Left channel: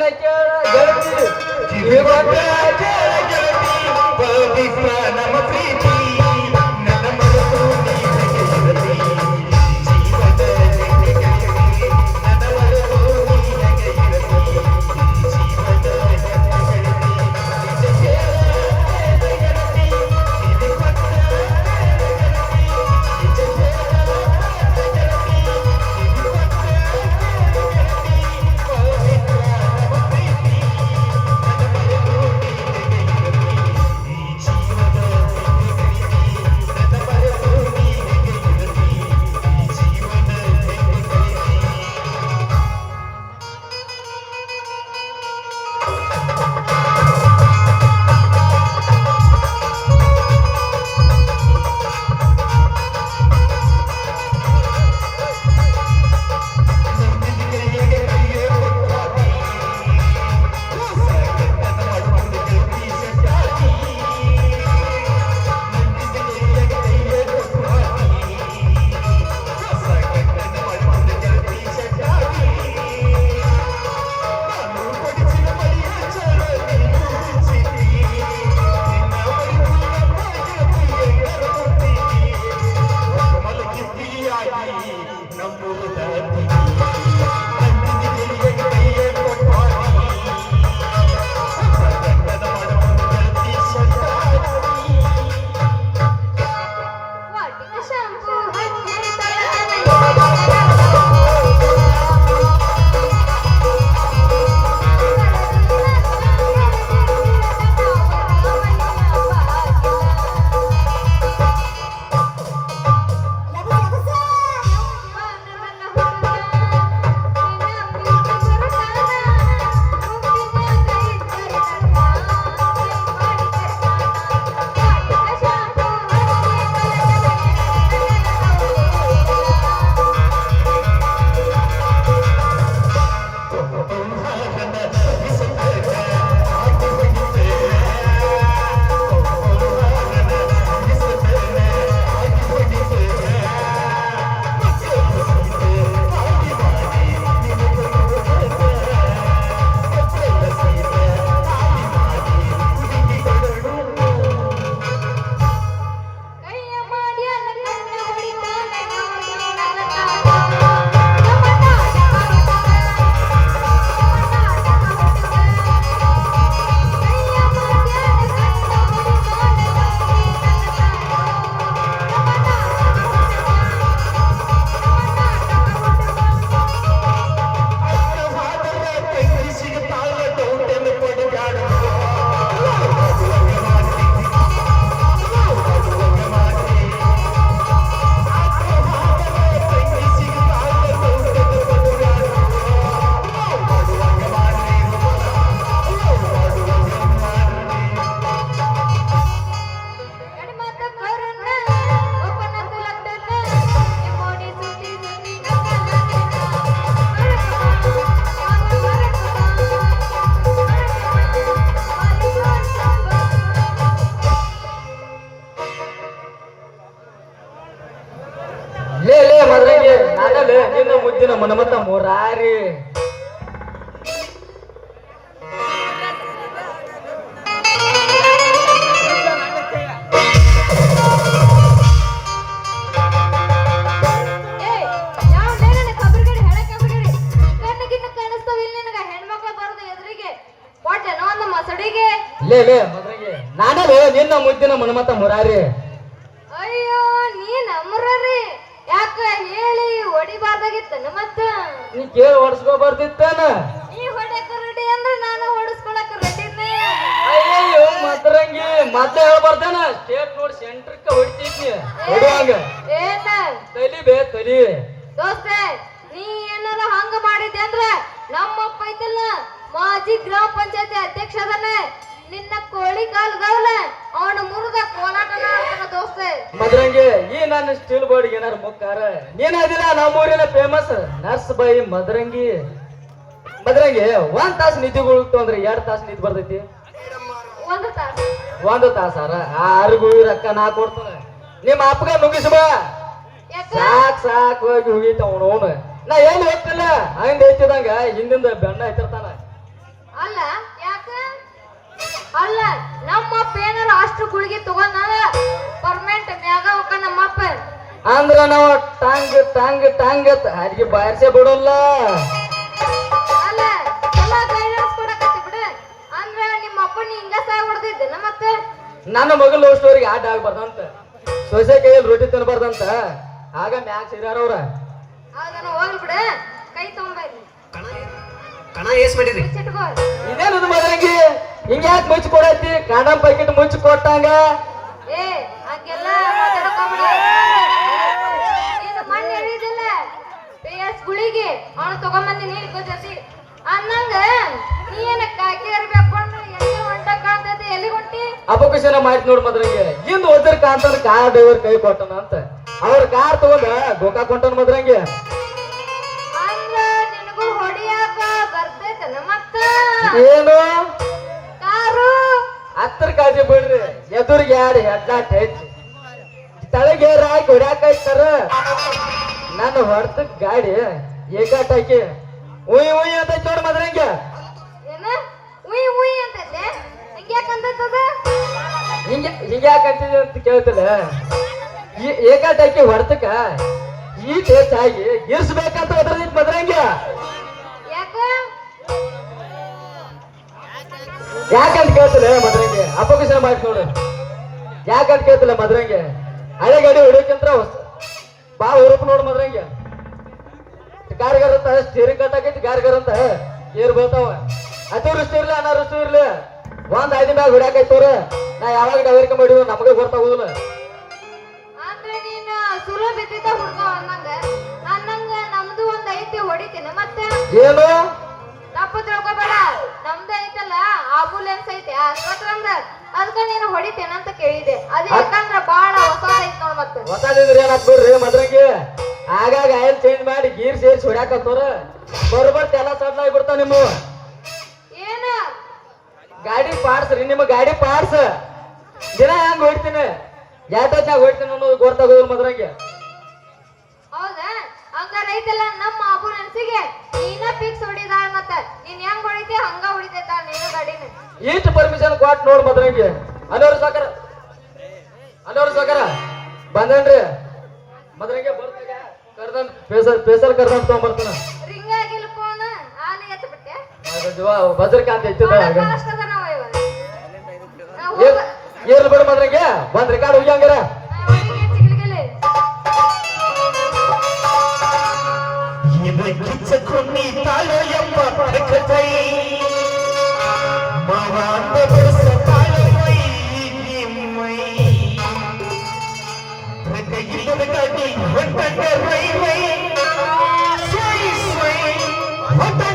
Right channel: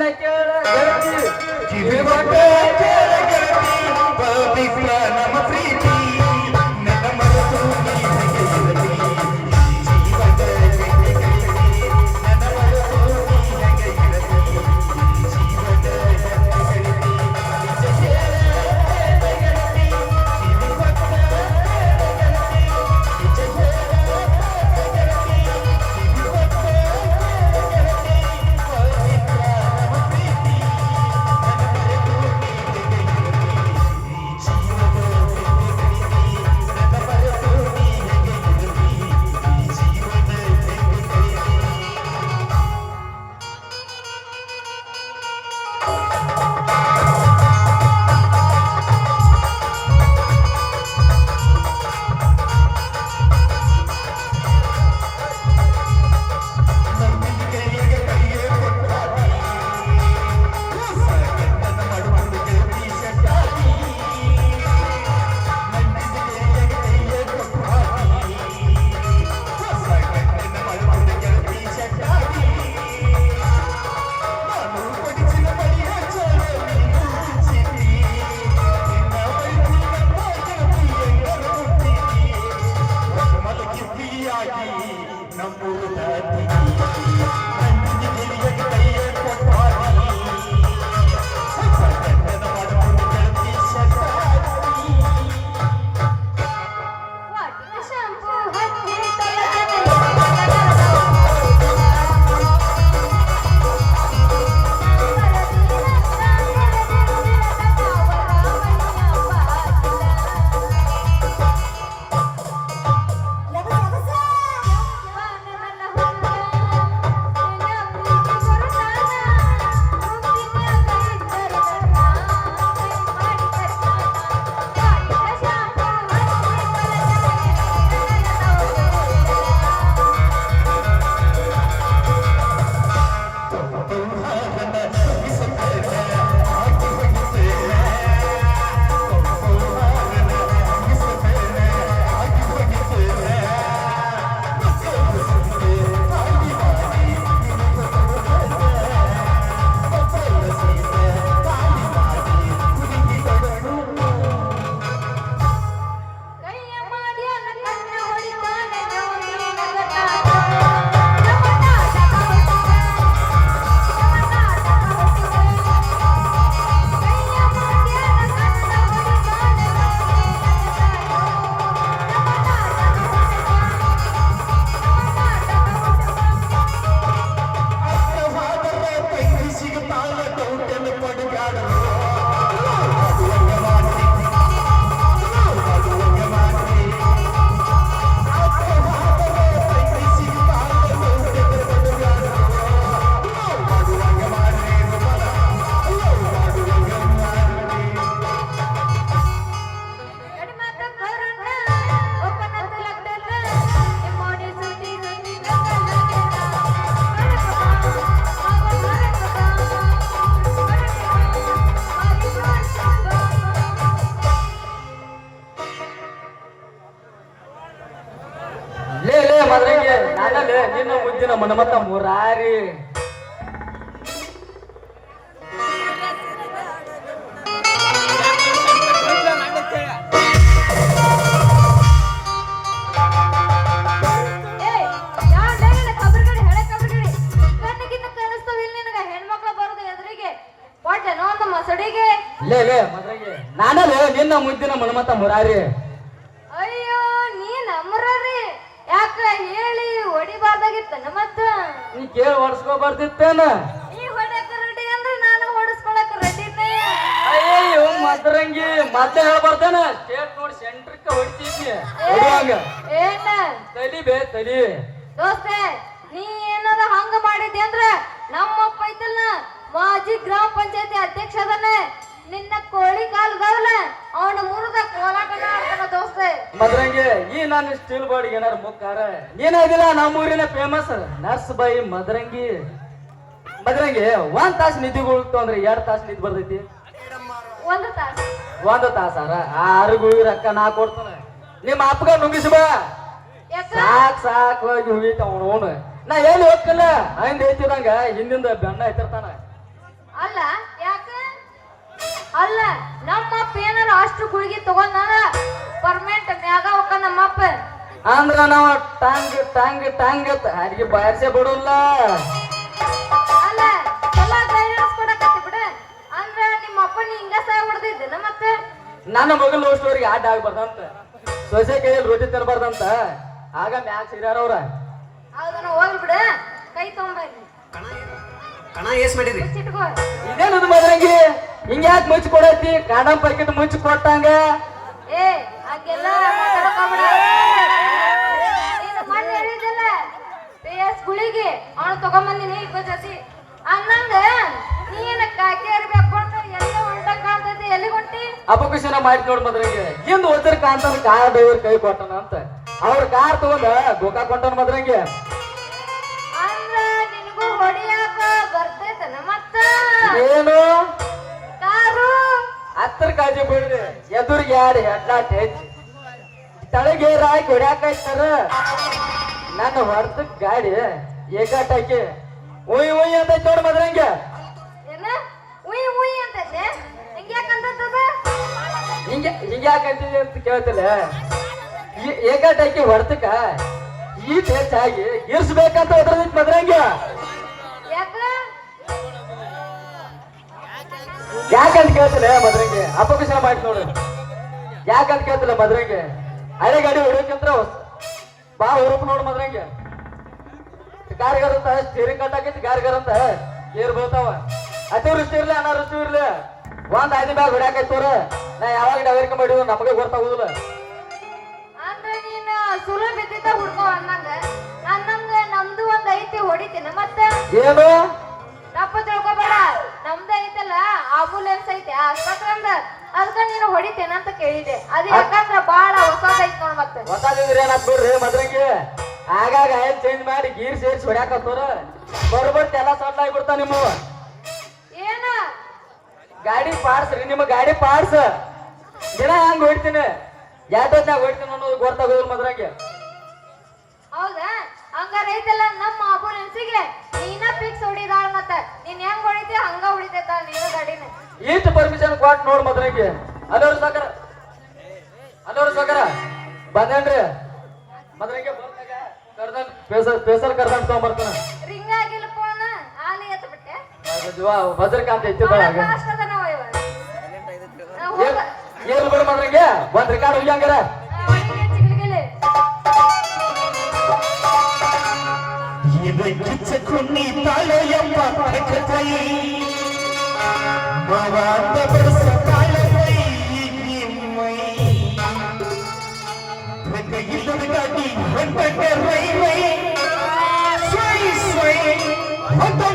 ನನ್ನ ಕೇಳ ಸೆಂಟ್ರಕ್ಕ ಹೊಡಿತಿದ್ಯ? ಹೊಡ್ಯಾಗ ಏನ ತಲಿ ಬೇ ತಲಿ. ದೋಸ್ತೆ ನೀ ಏನಾರ ಹಂಗ ಮಾಡಿದ್ದೆ ಅಂದ್ರ ನಮ್ಮಪ್ಪ ಐತಲ್ಲ ಮಾಜಿ ಗ್ರಾಮ ಪಂಚಾಯತಿ ಅಧ್ಯಕ್ಷ ಅದನ್ನ. ನಿನ್ನ ಕೋಳಿ ಕಾಲ್ ಗೌಲ ಅವನ ಮುರಿದ ಕೋಲ ದೋಸ್ತೆ. ಮದರಂಗಿ ಈ ನನ್ನ ಸ್ಟೀಲ್ ಬಾಡಿಗೆ ಏನಾರ ಮುಕ್ಕಾರ? ನೀನಾದಿಲ್ಲ ನಮ್ಮೂರಿನ ಫೇಮಸ್ ನರ್ಸ್ ಬೈ ಮದರಂಗಿ. ಮದ್ರಂಗೆ ಒಂದ್ ತಾಸು ನಿದ್ದೆ ಅಂದ್ರೆ ಎರಡು ತಾಸು ನಿದ್ದೆ ಬರ್ತೈತಿ. ಒಂದ್ ತಾಸು. ಒಂದು ತಾಸಾರ? ಆರಿಗೂ ರೊಕ್ಕ ನಾ ಕೊಡ್ತಾನೆ. ನಿಮ್ಮ ಅಪ್ಪಗ ಮುಗಿಸುವ ಸಾಕ್ ಸಾಕ್ ಹೋಗಿ ಹೋಗಿಟ್ಟ ಅವನು ನಾ ಎಲ್ಲಿ ಹೋಗ್ತಿಲ್ಲ? ಹಂಗೆ ಹೆಚ್ಚಿದಂಗ ಹಿಂದಿಂದ ಬೆನ್ನ ಐತಿರ್ತಾನ ಅಲ್ಲ ಯಾಕ? ಅಲ್ಲ ನಮ್ಮಪ್ಪ ಏನಾರ ಅಷ್ಟು ಗುಳಿಗೆ ತಗೊಂಡ ಪರ್ಮನೆಂಟ್ ಮ್ಯಾಗ ಹೋಗ ನಮ್ಮಪ್ಪ ಅಂದ್ರ ನಾವು ಟಾಂಗ್ ಟಾಂಗ್ ಟಾಂಗ್ ಅಡ್ಗೆ ಬಾರಿಸೇ ಬಿಡಲ್ಲ. ನನ್ನ ಮಗನ ಲವ್ ಸ್ಟೋರಿಗೆ ಆಟ ಆಗ್ಬಾರ್ದಂತ. ಸೊಸೆ ಕೈಯಲ್ಲಿ ರೊಟ್ಟಿ ತಿನ್ಬಾರ್ದಂತ. ಆಗ ಮ್ಯಾಗ ಸಿರ್ಯಾರ ಅವ್ರ. ಅದನ್ನ ಹೋಗ್ಲಿ ಬಿಡ. ಕೈ ತಗೊಂಡ ಇಲ್ಲಿ ಕಣ ಕಣ ಏಸ್ ಮಾಡಿರಿ ಇದೇನು ಇದು ಹಿಂಗ್ಯಾಕ್ ಮುಚ್ಚಿ ಕೊಡತ್ತಿ ಕಾಡಂ ಪ್ಯಾಕೆಟ್ ಮುಚ್ಚಿ ಕೊಟ್ಟಂಗ ಗುಳಿಗೆ ಅವನು ತಗೊಂಬಂದಿ ನೀನ್ ಜೊತೆ. ಅನ್ನಂಗ ನೀನ ಕಾಕಿ ಇರ್ಬೇಕು ಅಪಕುಶನ ಮಾಡಿ ನೋಡ್ ಮದ್ರಂಗೆ ಹಿಂದ್ ಒದ್ರ ಕಾಂತನ ಕಾರ್ ಡ್ರೈವರ್ ಕೈ ಕೊಟ್ಟನ ಅಂತ. ಅವ್ರ ಕಾರ್ ತಗೊಂಡ ಗೋಕಾ ಕೊಟ್ಟನ ಮದ್ರಂಗಿ ಏನು? ಹತ್ತರ ಕಾಳಜಿ ಬಿಡ್ರಿ ಎದುರಿಗೆ ಯಾರು ಹೆಡ್ಲಾಟ್ ಹೆಚ್ಚಿ ತಳಗೆ ಹಾಕಿ ಹೊಡ್ಯಾಕ ಇರ್ತಾರ ನನ್ನ ಹೊರತ ಗಾಡಿ ಏಕಾಟ್ ಹಾಕಿ. ಉಯ್ ಉಯ್ ಅಂತ ಚೋಡ್ ಮದ್ರಂಗೆ ಉಯ್ ಉಯ್ ಅಂತೈತೆ? ಹಿಂಗ ಹಿಂಗ್ಯಾಕಂತಿದೆ ಅಂತ ಕೇಳ್ತಿಲ್ಲ ಈ ದೇಶ ಆಗಿ ಹೊರತಕ್ಕ ಈ ಮದ್ರಂಗ ಗಿರ್ಸ್ಬೇಕಂತ ಅದ್ರದೈತ್ ಮದ್ರಂಗಿ ಯಾಕ? ಯಾಕಂತ ಕೇಳ್ತಿಲ್ಲ ಮದ್ರಂಗ ಅಪಕುಶನ ಮಾಡಿ ನೋಡು. ಯಾಕಂತ ಕೇಳ್ತಿಲ್ಲ ಮದ್ರಂಗ ಹಳೆ ಗಾಡಿ ಹೊಡಿಯೋಕಂತ ಬಾ ಹುರುಪ್ ನೋಡು ಮದ್ರಂಗ ಗಾರ್ಗಾರ ಅಂತ ಸ್ಟೀರಿಂಗ್ ಕಟ್ಟಾಕೈತಿ ಗಾರ್ಗಾರ ಅಂತ ಏರ್ ಬರ್ತಾವ ಅತಿವೃಷ್ಟಿ ಇರ್ಲಿ ಅನಾವೃಷ್ಟಿ ಇರ್ಲಿ. ಒಂದ್ ಐದು ಮ್ಯಾಗ ಹೊಡ್ಯಾಕೈತವ್ರ ನಾ ಯಾವಾಗ ಡವರಿಕೆ ಮಾಡಿವ ನಮಗೆ ಗೊತ್ತಾಗುದಿಲ್ಲ ಅಂದ್ರ ನೀನು ಸುರ ಬಿದ್ದಿದ್ದ ಹುಡ್ಗ ಅನ್ನಂಗ. ಅನ್ನಂಗ ನಮ್ದು ಒಂದ್ ಐತಿ ಹೊಡಿತೀನ. ಮತ್ತೆ? ಏನು? ತಪ್ಪ ತಿಳ್ಕೊಬೇಡ. ನಮ್ದು ಐತಲ್ಲ ಆಂಬುಲೆನ್ಸ್ ಐತೆ ಆಸ್ಪತ್ರಂದ ಅದಕ್ಕ ನೀನು ಹೊಡಿತೇನ ಅಂತ ಕೇಳಿದೆ. ಅದು ಯಾಕಂದ್ರ ಬಾಳ ಹೊಸದೈತ್ ನಾವ್ ಮತ್ತೆ. ಹೊಸಾದಿದ್ರೆ ಏನಾಗ್ ಬಿಡ್ರಿ ಮದ್ರಂಗಿ? ಆಗಾಗ ಆಯಿಲ್ ಚೇಂಜ್ ಮಾಡಿ ಗೀರ್ ಸೇರಿಸಿ ಹೊಡ್ಯಾಕತ್ತವ್ರ ಬರ್ಬರ್ತ ಎಲ್ಲ ಸಡ್ಲಾಗಿ ಆಗ್ಬಿಡ್ತಾವ ನಿಮ್ಮ ಗಾಡಿ ಪಾರ್ಸ್ ರೀ ನಿಮ್ಮ ಗಾಡಿ ಪಾರ್ಸ್. ದಿನ ಹೆಂಗ್ ಹೊಡ್ತೀನಿ ಯಾಟೊತ್ತಾಗ ಹೊಡ್ತೀನಿ ಅನ್ನೋದು ಗೊತ್ತಾಗೋದಿಲ್ಲ ಮದ್ರಂಗಿ. ಹೌದಾ? ಹಂಗಾರ ಐತಲ್ಲ ನಮ್ಮ ಆಂಬುಲೆನ್ಸಿಗೆ ನೀನ ಫಿಕ್ಸ್ ಹೊಡಿದ ಮತ್ತ ನೀನ್ ಹೆಂಗ್ ಹೊಡಿತಿ ಹಂಗ ಹೊಡಿತೈತ ನೀನು ಗಾಡಿನ. ಇಷ್ಟು ಪರ್ಮಿಷನ್ ಕೊಟ್ಟು ನೋಡ್ ಮದ್ರಂಗಿ. ಅದವ್ರ ಸಾಕರ. ಅದವ್ರ ಸಾಕರ. ಬಂದೇನ್ರಿ? ಮದ್ರಂಗಿ ಬರ್ತಾಗ ಕರ್ದನ್ ಪೇಸರ್ ಪೇಸರ್ ಕರ್ದಂಗ್ ತಗೊಂಬರ್ತಾನ. ರಿಂಗ್ ಆಗಿಲ್ಲ ಫೋನ್ ಆನೆ ಎತ್ತ ಬಿಟ್ಟೆ ಭದ್ರಕಾಂತ ಇತ್ತಿದ್ರ ಏನ್ ಹೋಗ- ಏನ್ ಬಿಡ ಮದ್ರಂಗಿ ಬಂದ್ ರಿಕಾರ್ಡ್ ಹೋಗಿ ಹಂಗಾರ ಹಂಗೆ ಚಿಗ್ಲಿಗಿಲಿ. ಇದಕ್ಕಿಚ್ಚುకుని ತಾಳೋ ಎಂಬ ಪಡಕತೈ ಮವಾಂದ ಬೆಳಸ ತಾಳವೈ ನಿಮ್ಮೈ ಪ್ರತಿಗಿಲ್ಲದ ಗಾಡಿ ಹೊಂಟಂಗ ರೈವೈ ಸ್ವೈ ಸ್ವೈ ಹೊಂಟಂಗ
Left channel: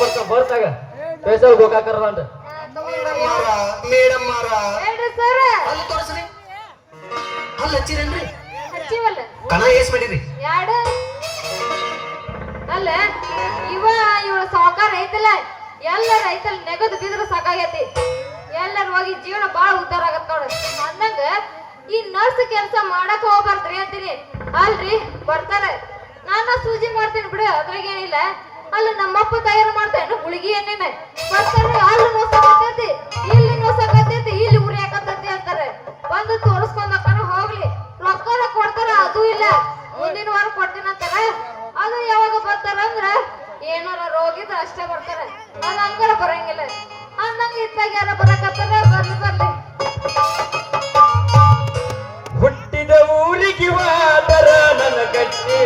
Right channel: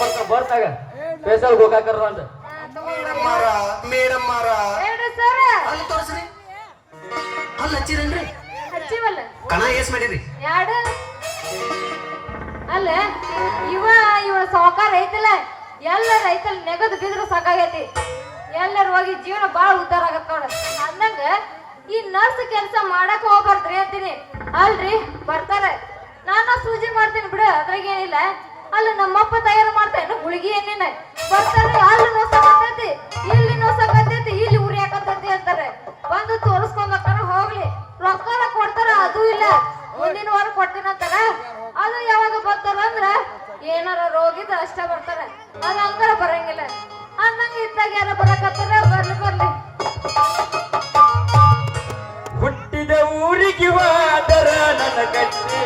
ಬರ್ತಾಗ ಪೈಸಲ್ ಗೋಕಾಕರ ಅಂತ. ಮೇಡಮ್ಮರ ಮೇಡಮ್ಮರ. ಅಲ್ಲಿ ತೋರಿಸ್ರಿ. ಅಲ್ಲಿ ಹಚ್ಚಿರೇನ್ರಿ? ಕಣ ಏಸ್ ಮಾಡಿರಿ. ಎರಡು ಅಲ್ಲ ಇವ ಇವಳ ಸಾವುಕಾರ ಐತಲ್ಲ ಎಲ್ಲ ರೈತಲ್ ನೆಗದು ಬಿದ್ರೆ ಸಾಕಾಗೈತಿ. ಎಲ್ಲರೂ ಹೋಗಿ ಜೀವನ ಬಾಳ ಉದ್ದಾರ ಆಗತ್ತ ನೋಡ. ಅಂದಂಗ ಈ ನರ್ಸ್ ಕೆಲಸ ಮಾಡಕ್ ಹೋಗ್ಬಾರ್ದ್ರಿ ಅಂತೀನಿ. ಅಲ್ರಿ ಬರ್ತಾರೆ. ನಾನು ಸೂಜಿ ಮಾಡ್ತೀನಿ ಬಿಡು ಅದ್ರಾಗೇನಿಲ್ಲ. ಅಲ್ಲ, ನಮ್ಮಪ್ಪ ತಯಾರು ಮಾಡ್ತಾನೆ ಗುಳಿಗೆ ಏನೇನೆ ಬರ್ತಾರೆ ಅಲ್ಲಿ ಹೊಸ ಕತ್ತೈತಿ ಇಲ್ಲಿ ಹೊಸ ಕತ್ತೈತಿ ಇಲ್ಲಿ ಉರಿ ಹಾಕತ್ತೈತಿ ಅಂತಾರೆ. ಬಂದು ತೋರಿಸ್ಕೊಂಡ್ ಹೋಗ್ತಾರ ಹೋಗ್ಲಿ. ರೊಕ್ಕ ಕೊಡ್ತಾರ, ಅದು ಇಲ್ಲ. ಮುಂದಿನ ವಾರ ಕೊಡ್ತೀನಿ ಅಂತಾರೆ. ಅದು ಯಾವಾಗ ಬರ್ತಾರ ಅಂದ್ರೆ, ಏನಾರ ಇದ್ರೆ ಅಷ್ಟೇ ಬರ್ತಾರೆ. ಅದು ಹಂಗಾರ ಬರಂಗಿಲ್ಲ. ಅನ್ನಂಗ ಇದ್ದಾಗ ಯಾರ ಬರಕತ್ತಾರ, ಬರ್ಲಿ ಬರ್ಲಿ. ಹುಟ್ಟಿದ ಊರಿಗೆ ನನ್ನ ಗಟ್ಟಿ